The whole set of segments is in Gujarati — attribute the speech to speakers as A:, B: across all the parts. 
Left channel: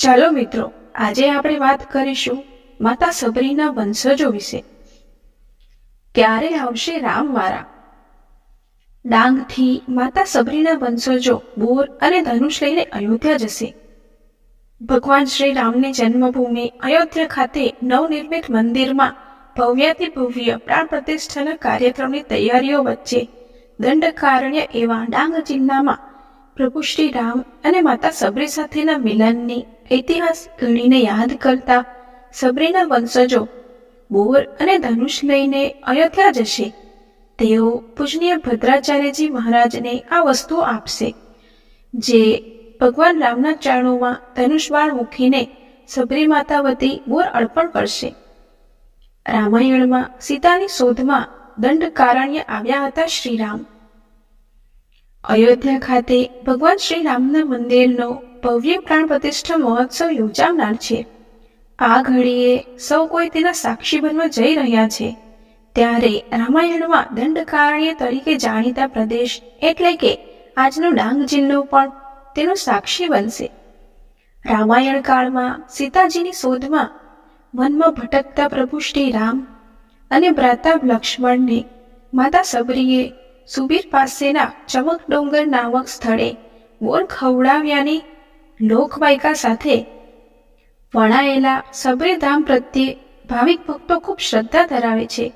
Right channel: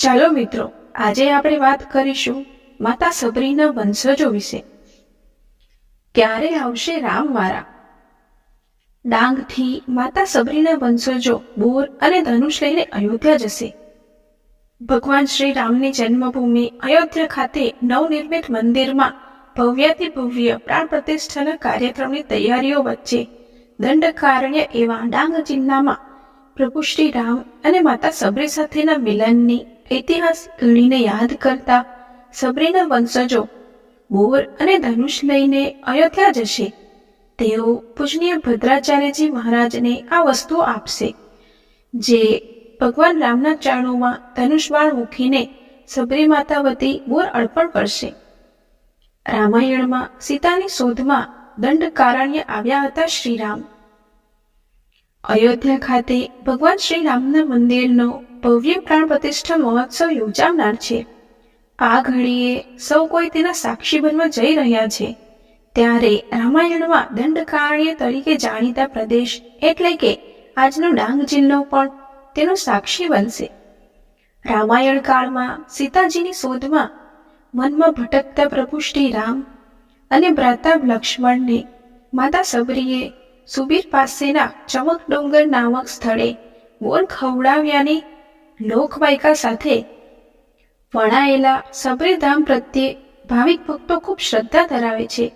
A: ચાલો મિત્રો, આજે આપણે વાત કરીશું માતા સબરીના વંશજો વિશે. ક્યારે આવશે રામ મારા? ડાંગથી માતા સબરીના વંશજો બોર અને ધનુષ લઈને અયોધ્યા જશે. ભગવાન શ્રી રામની જન્મભૂમિ અયોધ્યા ખાતે નવનિર્મિત મંદિરમાં ભવ્યાતિ ભવ્ય પ્રાણ પ્રતિષ્ઠાના કાર્યક્રમની તૈયારીઓ વચ્ચે દંડકારણ્ય એવા ડાંગ જિલ્લામાં પ્રભુ શ્રી રામ અને માતા સબરી સાથેના મિલનની ઐતિહાસિક ઘડીને યાદ કરતા સબરીના વંશજો બોર અને ધનુષ લઈને અયોધ્યા જશે. તેઓ પૂજનીય ભદ્રાચાર્યજી મહારાજને આ વસ્તુ આપશે, જે ભગવાન રામના ચરણોમાં ધનુષબાણ મૂકીને સબરી માતા વતી બોર અર્પણ કરશે. રામાયણમાં સીતાની શોધમાં દંડકારણ્ય આવ્યા હતા શ્રીરામ. અયોધ્યા ખાતે ભગવાન શ્રી રામના મંદિરનો ભવ્ય પ્રાણ પ્રતિષ્ઠા મહોત્સવ યોજાનાર છે. આ ઘડીએ સૌ કોઈ તેના સાક્ષી બનવા જઈ રહ્યા છે. ત્યારે રામાયણમાં દંડકારણ્ય તરીકે જાણીતા પ્રદેશ એટલે કે આજનો ડાંગ જિલ્લો પણ તેનો સાક્ષી બનશે. રામાયણ કાળમાં સીતાજીની શોધમાં મનમાં ભટકતા પ્રભુ શ્રી રામ અને ભ્રાતા લક્ષ્મણને માતા સબરીએ સુબીર પાસેના ચમક ડોંગર નામક સ્થળે બોર ખવડાવ્યાની લોકવાયકા સાથે વણાયેલા સબરીધામ પ્રત્યે ભાવિક ભક્તો ખૂબ શ્રદ્ધા ધરાવે છે.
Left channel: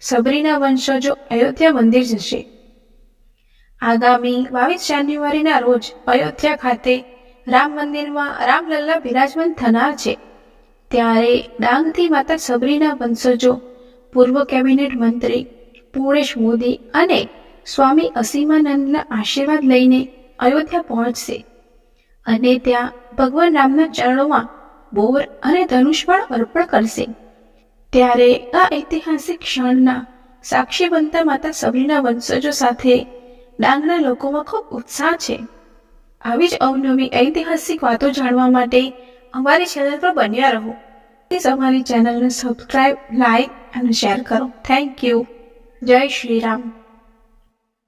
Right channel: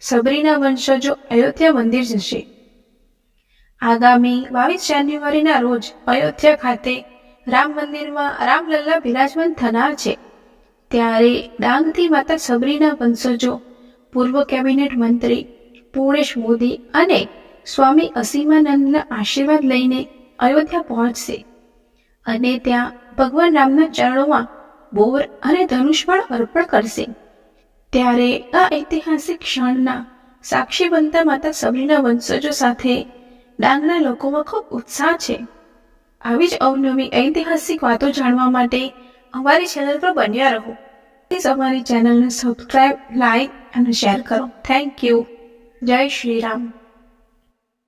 A: સબરીના વંશજો અયોધ્યા મંદિર જશે. આગામી બાવીસ જાન્યુઆરીના રોજ અયોધ્યા ખાતે રામ મંદિરમાં રામલલ્લા બિરાજમાન થનાર છે. ત્યારે ડાંગથી માતા સબરીના વંશજો પૂર્વ કેબિનેટ મંત્રી પૂર્ણેશ મોદી અને સ્વામી અસીમાનંદના આશીર્વાદ લઈને અયોધ્યા પહોંચશે. અને ત્યાં ભગવાન રામના ચરણોમાં બોર અને ધનુષબાણ અર્પણ કરશે. ત્યારે આ ઐતિહાસિક ક્ષણના સાક્ષી બનતા માતા સબરીના વંશજો સાથે ડાંગના લોકોમાં ખૂબ ઉત્સાહ છે. આવી જ અવનવી ઐતિહાસિક વાતો જાણવા માટે અમારી ચેનલ પર બન્યા રહો. પ્લીઝ અમારી ચેનલને સબસ્ક્રાઈબ લાઈક અને શેર કરો. Thank you Jai Shri Ram